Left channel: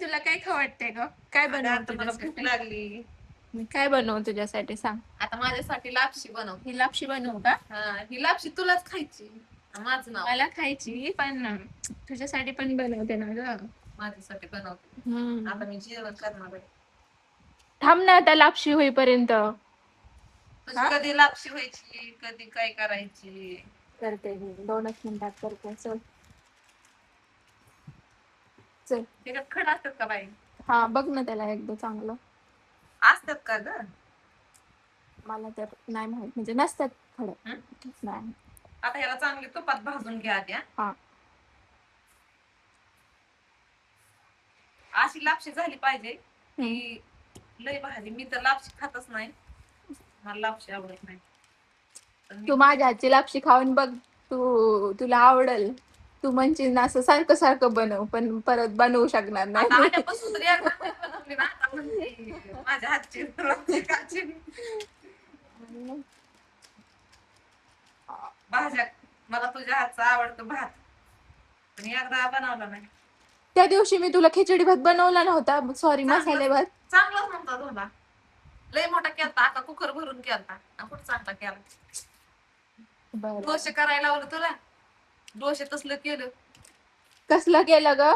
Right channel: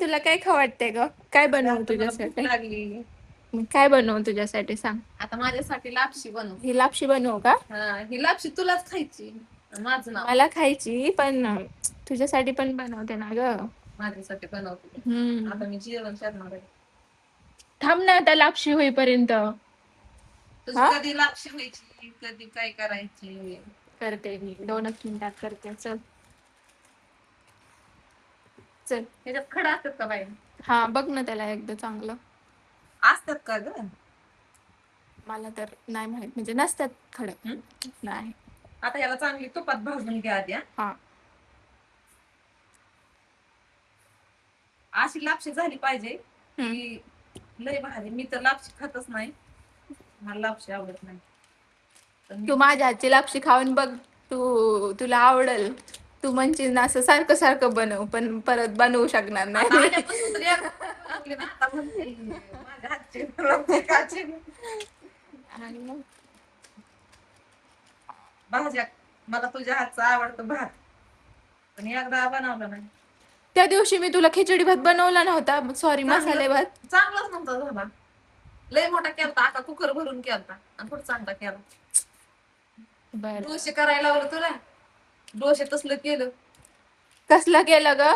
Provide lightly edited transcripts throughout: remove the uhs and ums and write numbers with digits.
तुला काय खाऊ वाटतंय ग? काय अगं बनवू आता मला भूक तुझ्यासाठी? लागली. काय बनवू तुझ्यासाठी सांग. आता माझ्यासाठी लापशी बनव. ही लापशी बनवू का? हा, ही लापशी तुलाच खायची. माझं नाव. मला खायची पण तुझ्यासाठी पण बनवते ना ग. माझ्यासाठी बनवते. आता मी जेवण करणार आहे. थांब ना आता लापशी होईपर्यंत. तुझी हा कधी लापशी व्हायची, कधी काय करायची. करते मी 2च मिनिटात करते. चल चल. ह्याच्यात खडा असतात का बाई? हा बघ ना त्याला एकदा चांगलं. असतात का ग? मला तर नाही माहित म्हणजे नसतात खडक. हं? नाही. आता ह्याला चांगली तुपात भाजून घ्या आधी. हा अशी लापशी झाली पाहिजे की लय भारी. मी तर लापशी खातच नाही, मला लापशी आवडत नाही. तू माझ्या हातची लापशी खाऊन बघ. तुला आवडेल. तू म्हणशील ना असं सारखं सारखं बनव पण परत बनवू शकणार नाही आता मी. आल्यापासून तर एकदा नाही बनवली ना, आता म्हणते माझ्या हातची लापशी खायची. भाज्या मला तुझ्या हातचा आवडतो भात, पण एकदा बनवला नाही. त्या दिवशी मी तुला खिचडी भात बनवला नव्हता. सॉरी, मसाले भात. चांगलाच नव्हता झाला. लय मोठा केलता, आका कुकर भरून केलता आणि कुठं चांगला केला. डोसे करायला लावलं तुला, डोसे तसलं केलं. कसलं केलं ग?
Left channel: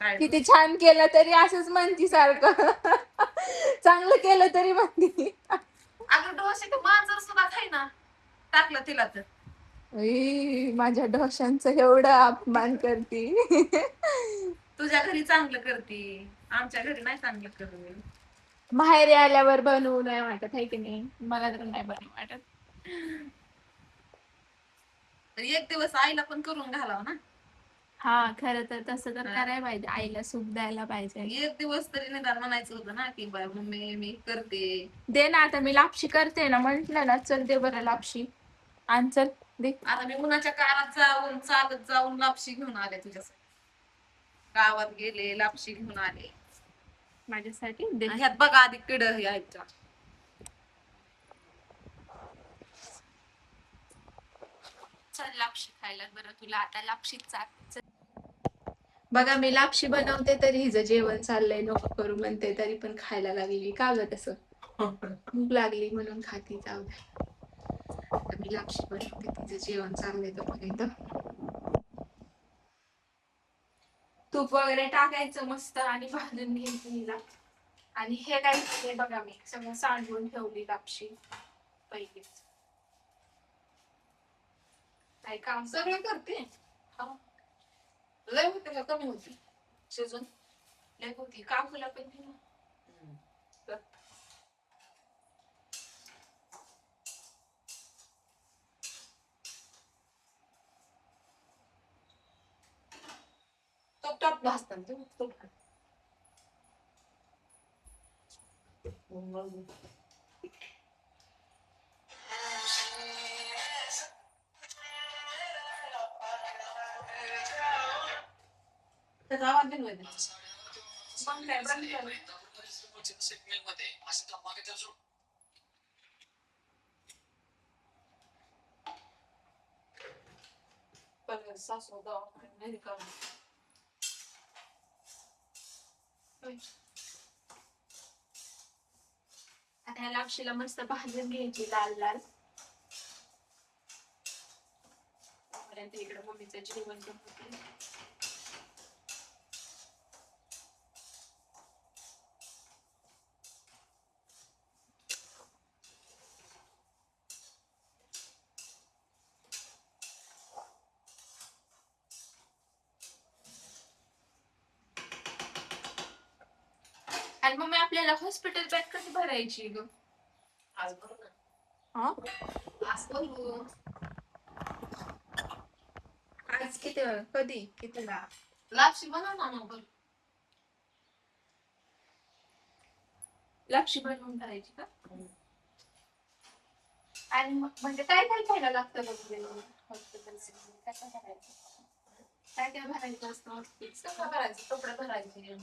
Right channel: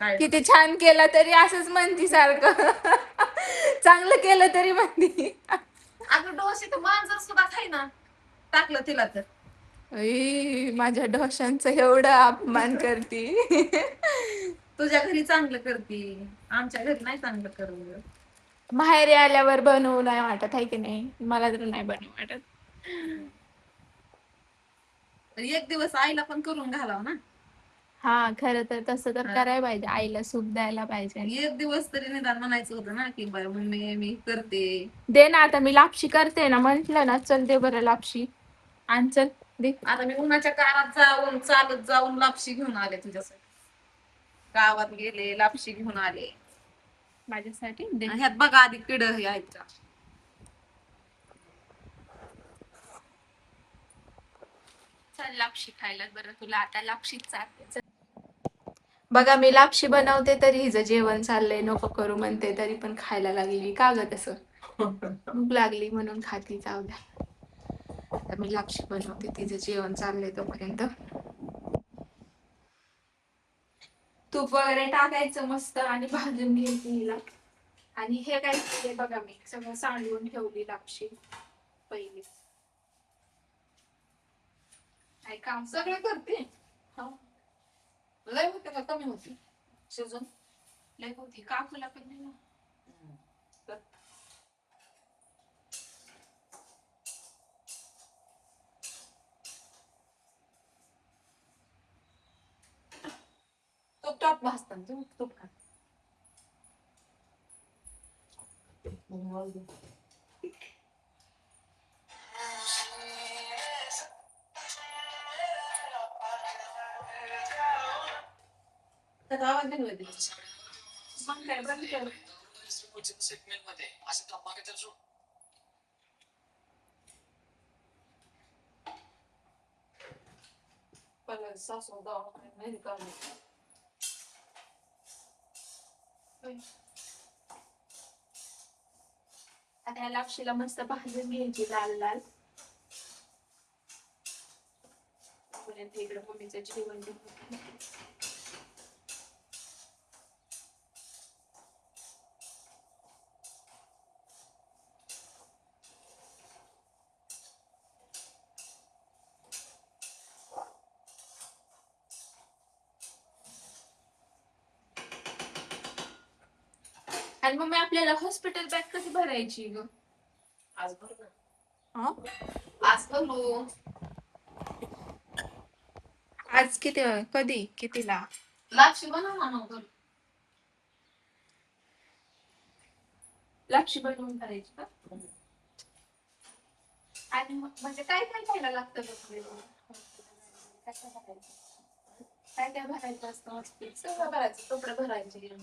काय किती छान केलं तरी असंच म्हणती सारखं. चांगलं केलं तरी म्हणती. अगं डोसे ते मांजर सुद्धा खाईना, टाकलं तिला तर. माझ्या डोशांचं एवढं अपमान करती. तुझ्या घरी चांगलं करती, आमच्या घरी नाही चांगलं करत. माहेरी आल्यावर बनवू नाही वाटत आहे की नाही? मला तर नाही बनवू वाटत. तर एक दिवस आईला पण करून घालाव ना. हा खरं तर तसं तर करायला पाहिजे. आईला सुख द्यायला पाहिजे. एक दिवस तरी निदान म्हणायचं होतं ना की बाय मम्मी मी करते. दे ना आता, मी लापशी करते ना म्हंटल ना. चल दे बरं लापशी. आण चल दे. आता मी उन्हाच्या कारात जाऊन चालत जाऊन लापशी घेऊन आले तुझ्यासाठी. गावात गेले लापशी घेऊन आले माझ्यासाठी दे. ह्यात बघा आधी किड यायच्या. चल लापशी खायला बरं, तुला आता लापशीच चालते. बघा मी लापशी बनवते तरी हिचं जेवण चाललंय. नको करू म्हणते तरी पण खायला लागली. का ग तसं? भूक लागली म्हणून खाती. जाऊ द्या. आता मी लापशी बनवते, तिचं जेवण चाललंय तोपर्यंत. तूप वगैरे टाकायचं मस्त आणि भाजून घ्यायचं हिला. आणि हे काय केले बघा, मी सगळं सांडून ठेवली लापशी पहिलीच. काय काम सगळे करते. हा लय होते का कमी होती शिजून? लय होती. काकूला पण दे ना. तूप टाक भाजताना, तूप टाक. त्याचा आवाज बी नाही येत. मग काय बंद कर. मला सासू दवाखान्यात नाही काढली. आता ह्या लापशीला मस्त भाजून घ्यायची लाल लाल. इकडे मम्मीचं जेवण बनवते. आणि मम्मी आपल्याला हॉस्पिटल बॅग कशी भरायची ग? आज बरोबर. हा? आज करू. आज किती कधी कितीला? लापशी बनव ना मग. लापशी बनवून करायची का? आणि म्हणजे काय काय खायला लागतं हॉस्पिटल? कसं भरायचं? काय काय भरायचं असतं हॉस्पिटल? सगळं भरायचं, कपडे भरायचे.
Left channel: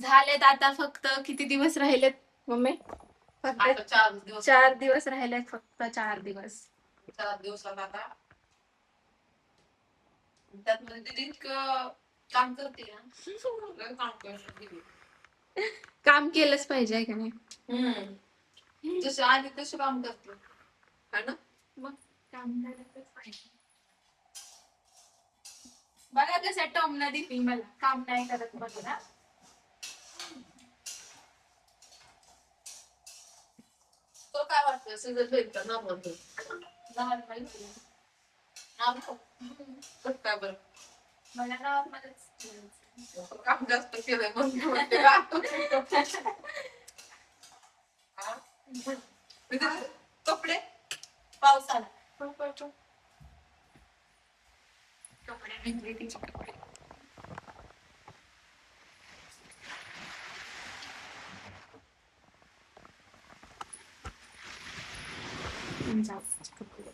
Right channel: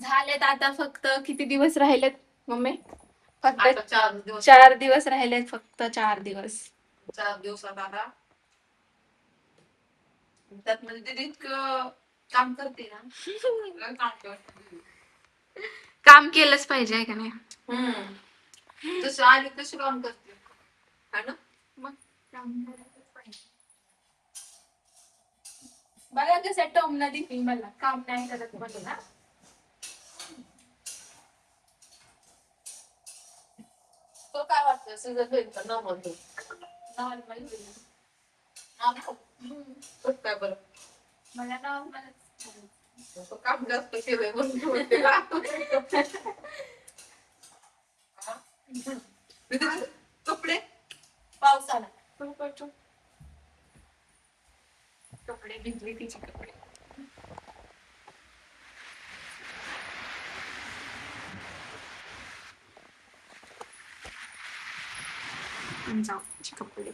झालेत आता फक्त किती दिवस राहिलेत मम्मी? फक्त आता 4 दिवस. 4 दिवस राहिलेत, फक्त 4 दिवस. 4 दिवसात आता त्यात म्हणजे दीदी इतकं काम करते ना. लय काम करते दीदी. काम केलंच पाहिजे आहे का नाही? जशी आली तशी काम करते है ना. मग काम करायचंच पाहिजे. बघा कसं टोमणं दिली मला, काम नाही करत म्हणून ना. तो काय वाटतं सीझन होईल का नॉर्मल होईल. नॉर्मल. काय बरं मला नॉर्मलच. काम जास्त केलंय म्हणून म्हणते का. हा? दीदी, कपडे पावसाला कपडे भिजले तिचे कपडे. जाऊ तिचे कपडे.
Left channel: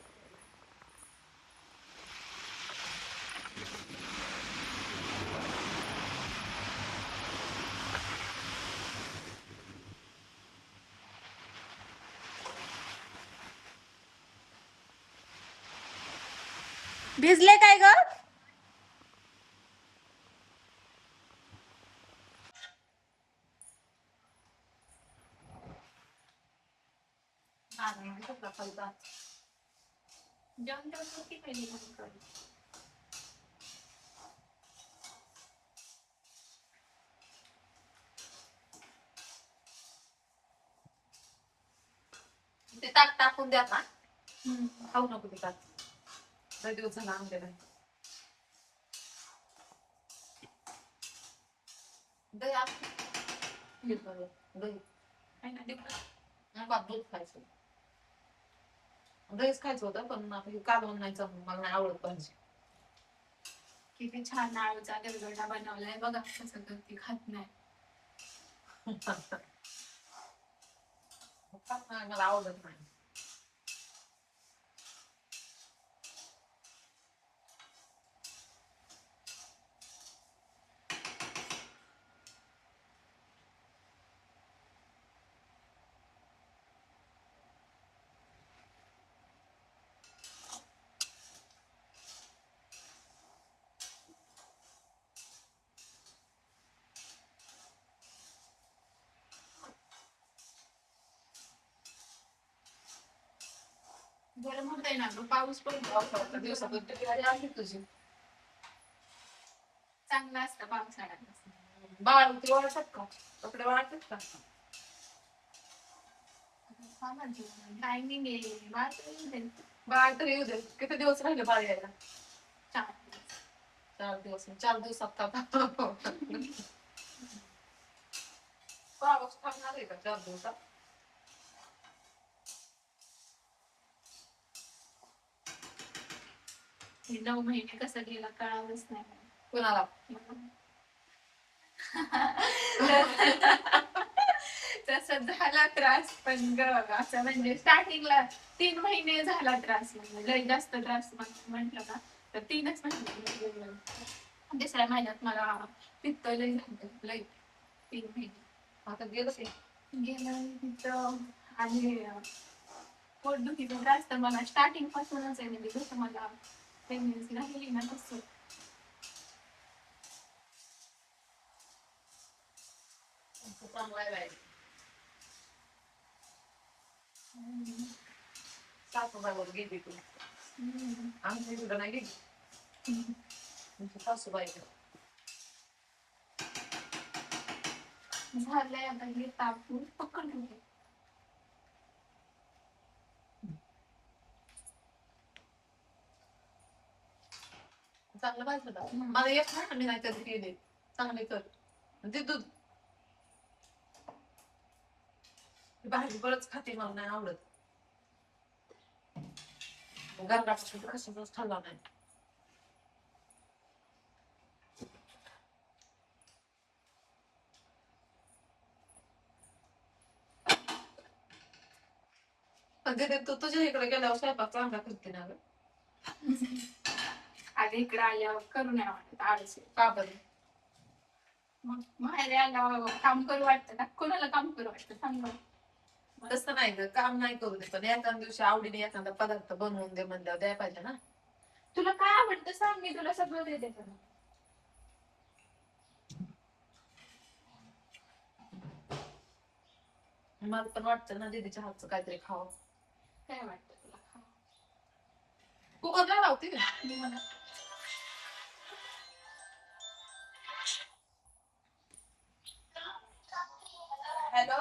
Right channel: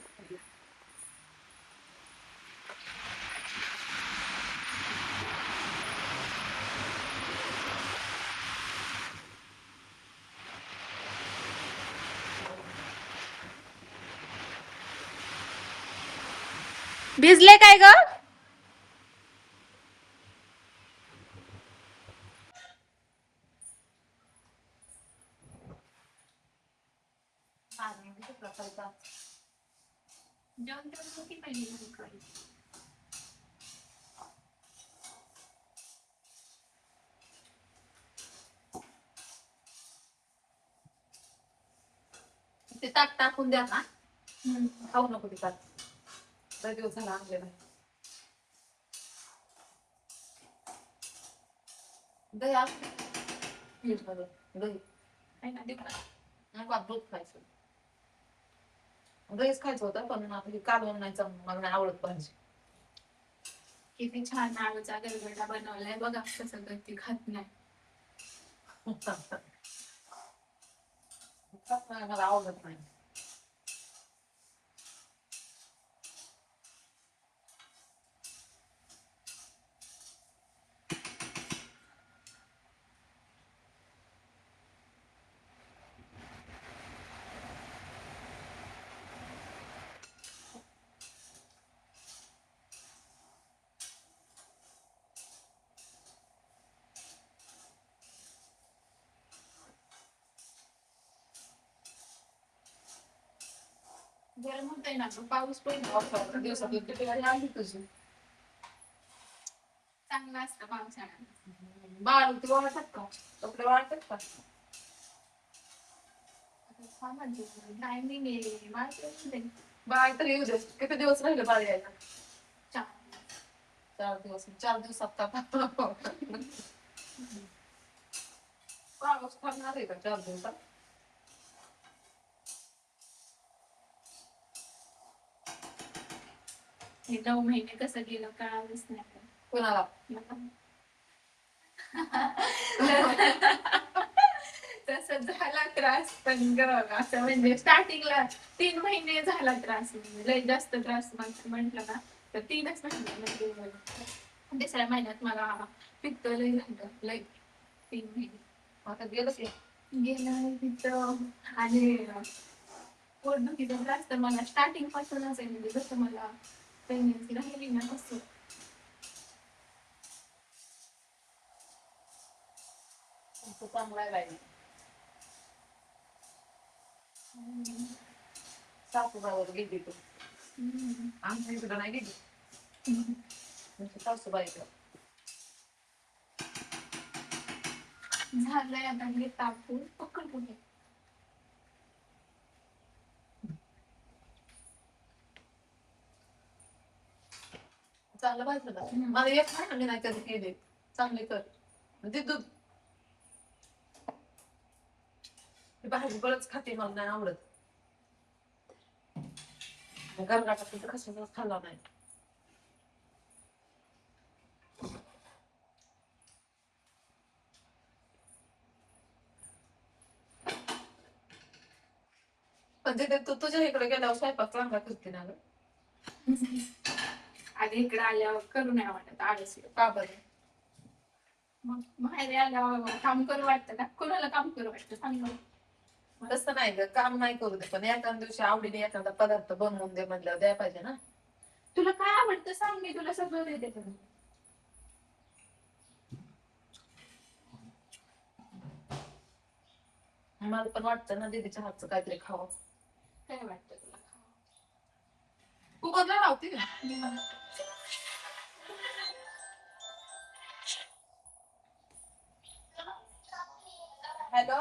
भिजले काय ग? ते ताक टाकून द्या ना. खाऊ नको ते ताक. लय दिवस झाला आणलेलं. दही असतं. दही नाही का दूध खायचं. दहीच खायचं होतं पण आता हे कालवण नाही चांगलं, मला नाही आवडत पाहिजे. किती छान आळूचा गरगटा बनवलाय बघा, कसं तर ती खात नाही. मला आवडत नाही. गरम होतंय ना ग, पाऊस पडतो. पावसाळ्याच्या दिवसातून डिलिव्हरी आली तुझी. चांगला असतं पावसाळ्यात. बाळ ते वाळतात का? कपडे वाळतात का? काय नाही वाटत. बाळ तरी येऊ दे. किती दिवस राहिले बाळ यायला? 4 दिवस. 4 दिवस. 4 दिवसात का पाऊस पडणार आहे का 4 दिवसात? हे 9 महिने कसं गेलं कळालंच नाही कुणाला? मला. तसं झाला त्रास पण ग, असं म्हणजे स्टार्टिंगला 3 महिने झाला त्रास, म्हणजे लय जास्त त्रास म्हटलं ना तर 3च महिने म्हणजे तिसऱ्या महिन्यात मला पित्त लय झालं लय. 3 महिने आता गेलं की. गेलं पित्त आणि पोटदुखीचा त्रास तर मला स्टार्टिंग पासूनच आहे, म्हणजे जसं मला प्रेग्नन्सी राहिली ना तसं. चांगला आहे बाई. सासूबाईवर गेली तू. आम्ही इकडं नाही गेली. सासूबाईकडे. झालंय आता हे टाकून पकडून घे. चांगलं पाहिजे का? मला येत नाही ना, मी नाही कधी केले. चांगले कर. ते दूध भाजी बरंच खाते, मला नाही आवडत. गरगाटा सुद्धा कशाचाच खाल्ला नाही. पण तिथे तू तुझ्या इकडे गेल्यावर स्वयंपाक चांगला करते ना ग. आधी इकडे आल्यावर करू नाही वाटत, आळस येतो. का बरं? मग माहेरी आल्यावर काम करू वाटतं का? कोणाला काम करू वाटतं सांग बरं. तसं नाही ग, काम नाही करू दे, पण एखाद्या दिवशी आवडीने एखादा पदार्थ बनवून दे म्हणल्यावर द्यायला पाहिजे ना. तुला काय आवडतं सांग, मी तुला सगळं देते तुला. मला पण वाटतं ना दीदीच्या हातचं काहीतरी खावं. काय वाटतं तुला खाऊ? कुकरला लावते. हॅलो,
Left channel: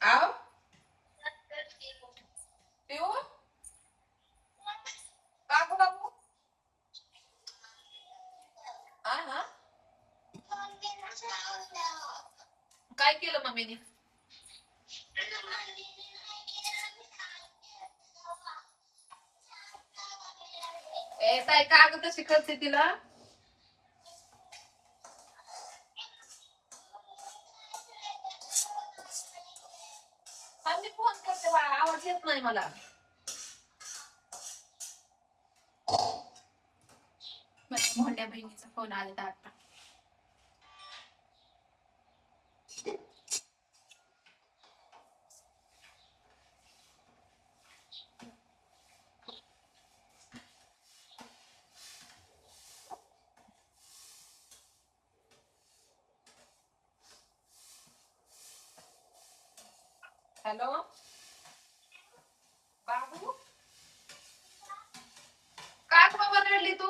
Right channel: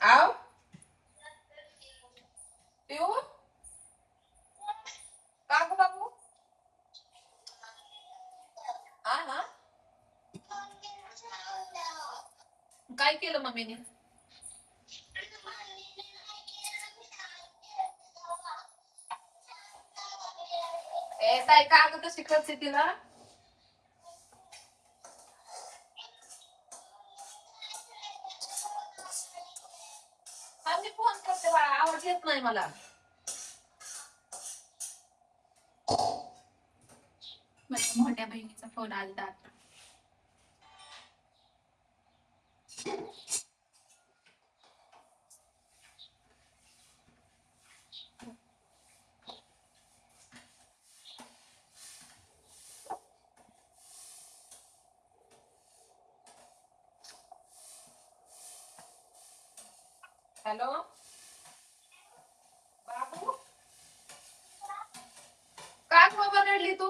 आव पिऊ, का ग बाबू? आ हा, काय केलं मम्मीने? ए ताई, का ग तशी करते तिला? हा, मी फोन करते बाळा, आवाज येत नाही मला. माझ्या मोठ्या बहिणीचा फोन आलता आता. हॅलो बाबू, का ग बाबा रडली तू?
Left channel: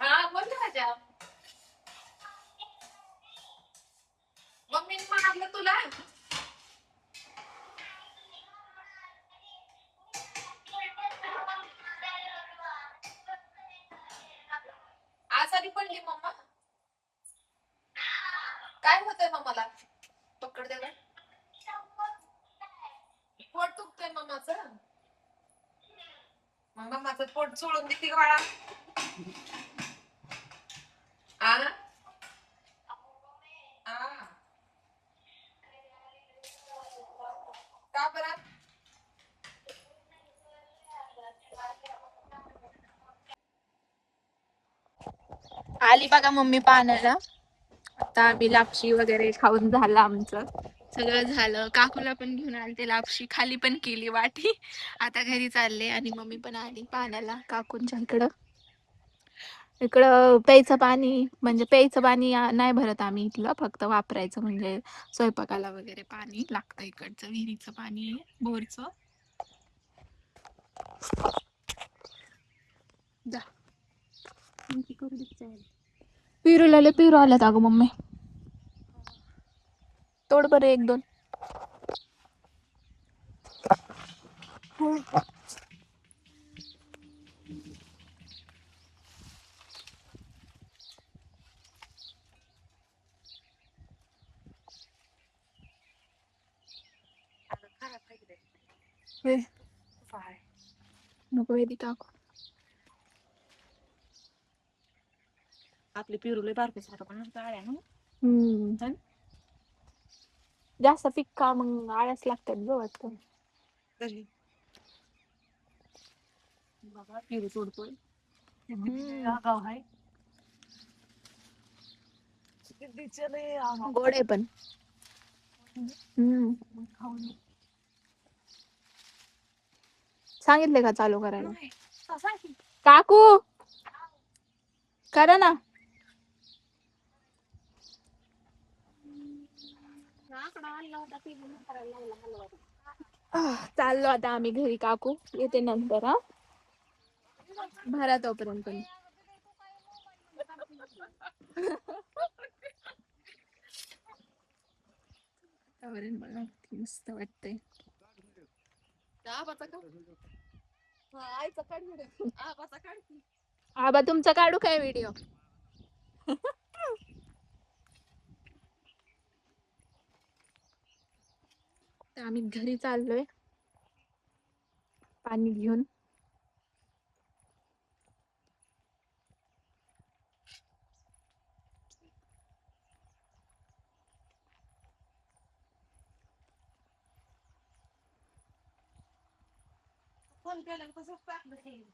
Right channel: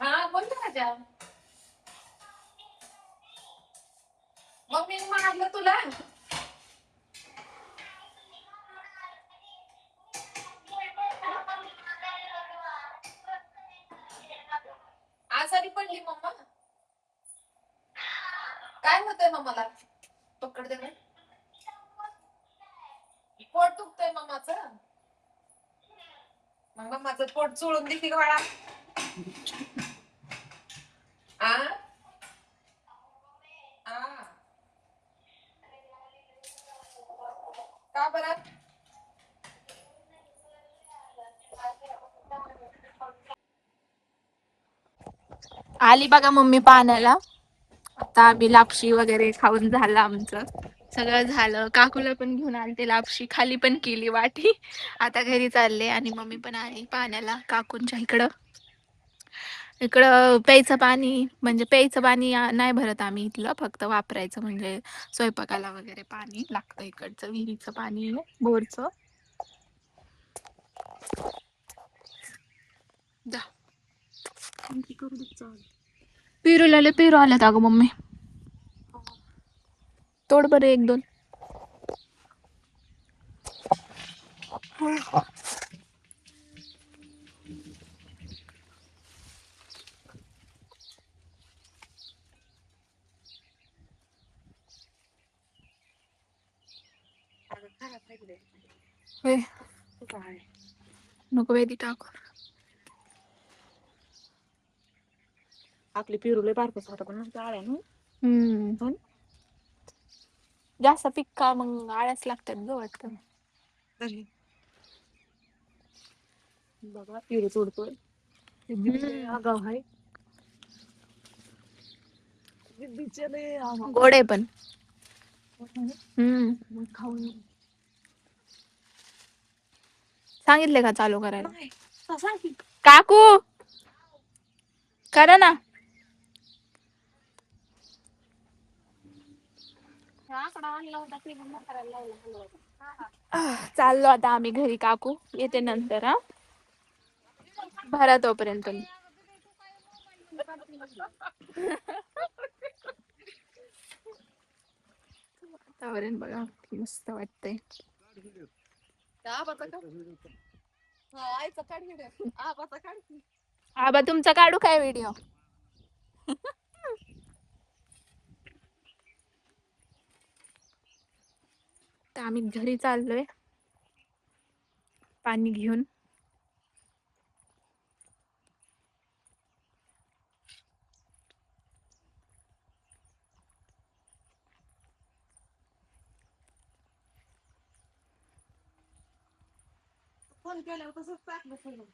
हा बोल ना राजा. मम्मीने मारलं तुला? आजारी पडली मम्मा? काय होतंय मम्माला? पकड दे बरं. पोट दुखतंय मम्माचं? मग मम्माचं पोट चोळून दे की ग बाळा. आ आ, का बरं? आली बघा मम्मी पाण्याला. आता आम्ही लापशी वगैरे खाऊन झालं आमचं. सगळं झालं. काकूला पण घेऊन आलते लापशी, खाली पण केली वाटी. आता घरी चालले आणि मम्मी पण आहे पाण्याला काकूंच्या इकडं. इकडं प्यायचं पाणी म्हणजे प्यायचं पाणी नाही भरत आम्ही इथलं, फक्त वापरायचं म्हणजे स्वयंपाकाला वगैरे पाणी लागतं. इकडचं विहिरीचं पाणी आहे, बोरचं. जा. पेरूला लय पेरू आल्यात अगं मम्मी. तोड बरं एक दोन. होय. नको वेदी टाकू. आपली पेरू लय बारकच होता पण नंतर आळ्या ना. जास्त पिक्का मग आळ्याच लागतात ग वाटतं. बघा पेरू तोडतोय. आगाव आहे. गोड आहे पण. मग खाऊन सांगितले का चालू करायला? नाही. सांग की. काकू करा ना. चाललो आता आम्ही घरी. काकू येते नंतर. हा, भरा तोपर्यंत. वातावरण बघा मस्त वाटतंय. आबा तुमचा काढू काय व्हिडिओ? तर आम्ही घरी चाललोय पाणी घेऊन. फोन केल्यावर तसंच टाकलं.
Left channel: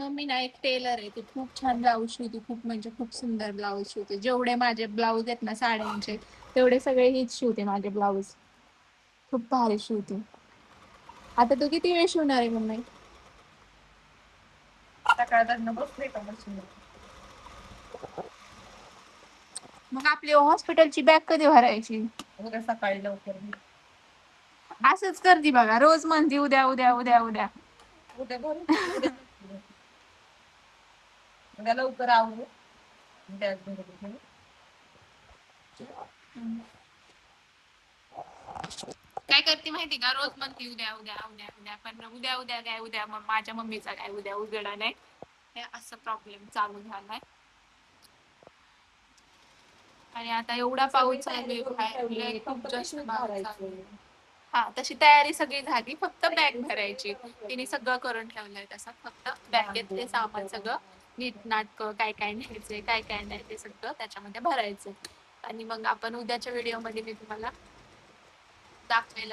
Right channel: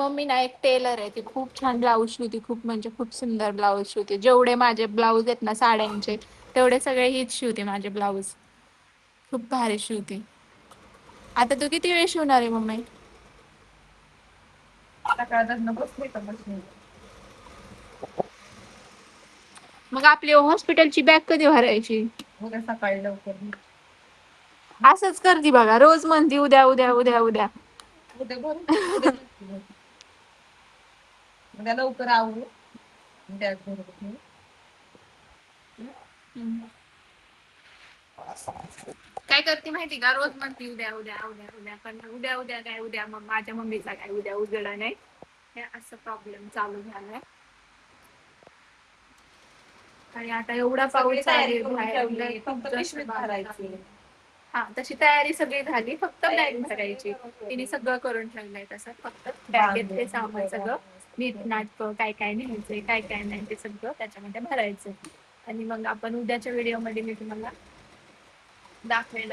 मम्मी ना एक टेलर आहे, ती खूप छान ब्लाऊज शिवते, खूप म्हणजे खूप सुंदर ब्लाऊज शिवते. जेवढे माझे ब्लाऊज आहेत ना साड्यांचे, तेवढे सगळे हीच शिवते माझे ब्लाऊज. खूप भारी शिवते. आता तू किती वेळ शिवणार आहे मम्मी? सकाळपासून बसले का मशीन. मग आपली हॉस्पिटलची बॅग कधी भरायची? उद्या सकाळी लवकर असंच करते बघा, रोज म्हणते उद्या उद्या उद्या उद्या. उद्या भरून उद्या उद्या लवकर आवरू बॅग भरून. काय करते माहिती का, रोज म्हणते उद्या उद्या उद्या उद्या, पण उद्या उद्या काय, उद्या मग माझ्या मम्मीचा काय उद्या उजडा नाही. हे असं प्रॉब्लेम चालू झालाय. आणि आता एवढा पाऊस चालू आहे बाहेर, लय खूप जास्त पाऊस चालू आहे. हा, तशी तयारी सगळी झाली, फक्त बॅग भरायची. तिने सगळं करून ठेवलंय तसं, फक्त बॅगेत ते सामान सगळं नीट नाटक, काय काय न्यायचंय काय काय नाही ते सगळं त्याच्यामध्ये भरायचं. आणि मग आपण उद्याच्या व्हिडिओ मध्ये मी तुम्हाला दाखवेल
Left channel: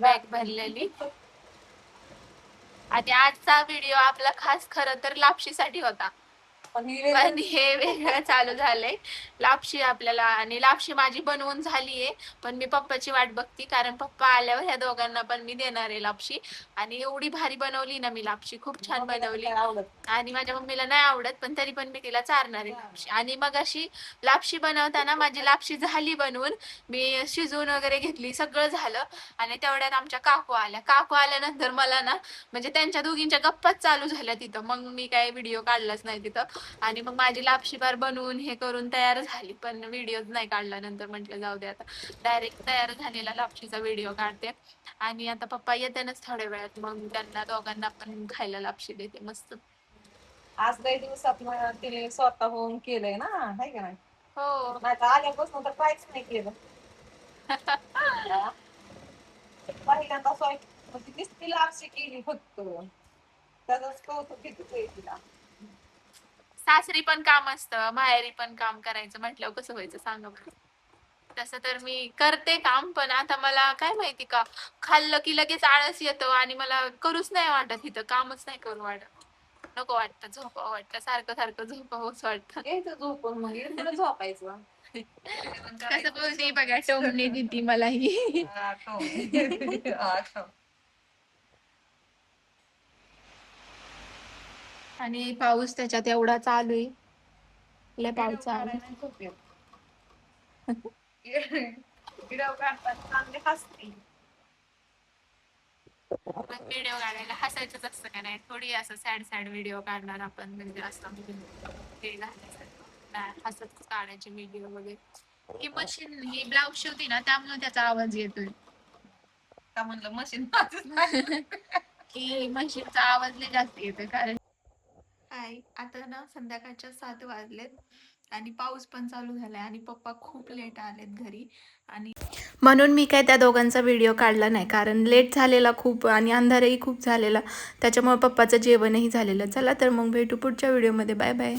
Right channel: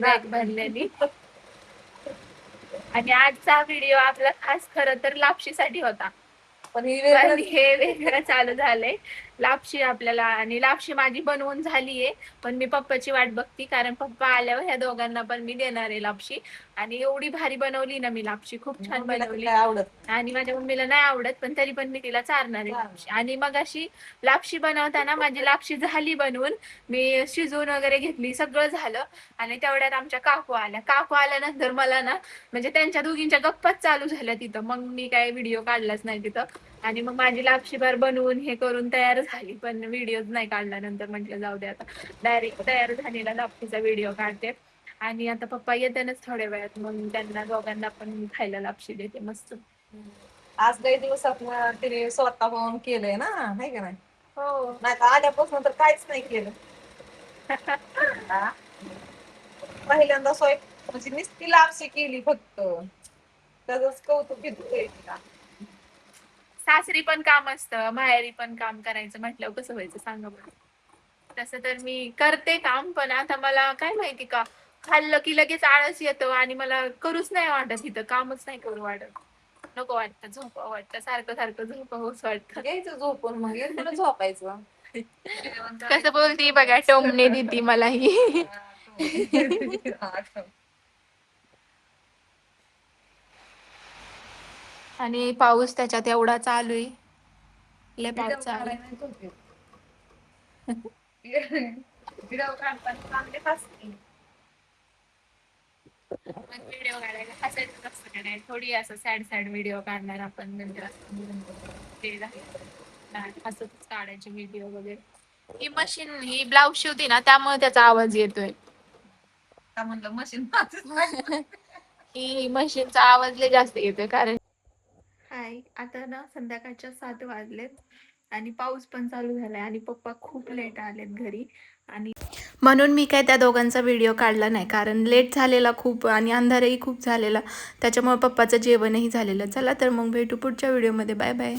बॅग भरलेली. आणि आजचा व्हिडिओ आपला खास खरं तर लापशीसाठी होता, पण हे वेगळं चालू झालंय. लापशी आपल्याला, आणि लापशी माझी बनवून झालीये, पण मी पप्पाची वाट बघती, कारण पप्पा आल्यावर ह्या दोघांना पण मी देणार आहे लापशी. आणि एवढी भारी बनवली ना मी लापशी, खूप छान बनवली. आणि माझ्या मम्मीला नाही आवडत, पण तरी पण मी तिला चारणार आहे लापशी. आणि मग अशी लापशी बनवताना माझी लापशी झाली बनवून, मी शिजवून वगैरे घेतली, सगळं झालं. आणि तेवढ्यात आमच्या काकू आल्या. काकू आल्यानंतर मला ना, म्हणजे त्यांच्या दोघींच्या गप्पाच चालू झाल्या तिथं. मग मी काय व्हिडिओ काढलाच नाही तिथं. आणि मग माझी लापशी बार बनवून हे करून तयार झाली, पण व्हिडिओच नाही काढला. नंतर म्हटलं जाऊ दे, आता डायरेक्ट तयार झालेला लापशीचा व्हिडिओ काढते. आणि आता पप्पा येतानाच थोड्या वेळात, मग त्यांना दोघांना पण खायला लापशी देते मस्त. आज काही दिवसात तिने स्वतःहून केलंय ना, नाही का नाही? हो. नाही तर आल्यापासून तर काहीच नाही केलं. पहिल्यांदा म्हणजे नुसती लापशी केली फक्त, त्याच कौतुक किती तिला. सासरी पण काम असतं, माहेरी पण काम करायचं म्हटल्यावर कसं व्हायचं सांगा बरं. तसं तर मी करते काम, पण आता मला काय माहिती का, खाल्लं की लगेच आळस येतो आणि मला करूच नाही वाटत, इथं कामच नाही करू वाटत. नको वाटतं, झोपावं वाटतं, सारखं सारखं झोपावंच वाटतं. घ्यायचं झोपून, मग तुला झोपायचं. कसं बोलती बघा, टोमणे देती मला ही. आणि पाऊस त्याच्यात एवढा चालू आहे, लय पाऊस चालू आहे. व्हिडिओ काढताना चांगले हसते. पण व्हिडिओ काढायला हसायचंच असतं का नाही, थोडी असं सॅड सॅड व्हिडिओ काढणार आपण, म्हणजे असं ते झालं नाही, हसतच काढायचे व्हिडिओ वगैरे. ही मशीन, ही ब्लाऊज शिवते ना, त्यामुळे त्याचा आवाज येतोय. का म्हणलं मशीन की मशीनचा आवाज लय जास्त येतोय, कारण हाय आता ना संध्याकाळच्या 7 वाजलेत आणि पाऊस पण चालू झालाय, आणि पप्पा खूप लेट आलेत घरी. आणि म्हणून मी काय त्या दोघांचा व्हिडिओ काढला नाही, कारण लेट झालेला खूप आणि अंधारही खूप झालेला, त्याच्यामुळे पप्पाचं जेवणही झालेलं. चला तर मग भेटू पुढच्या व्हिडिओमध्ये. Bye bye.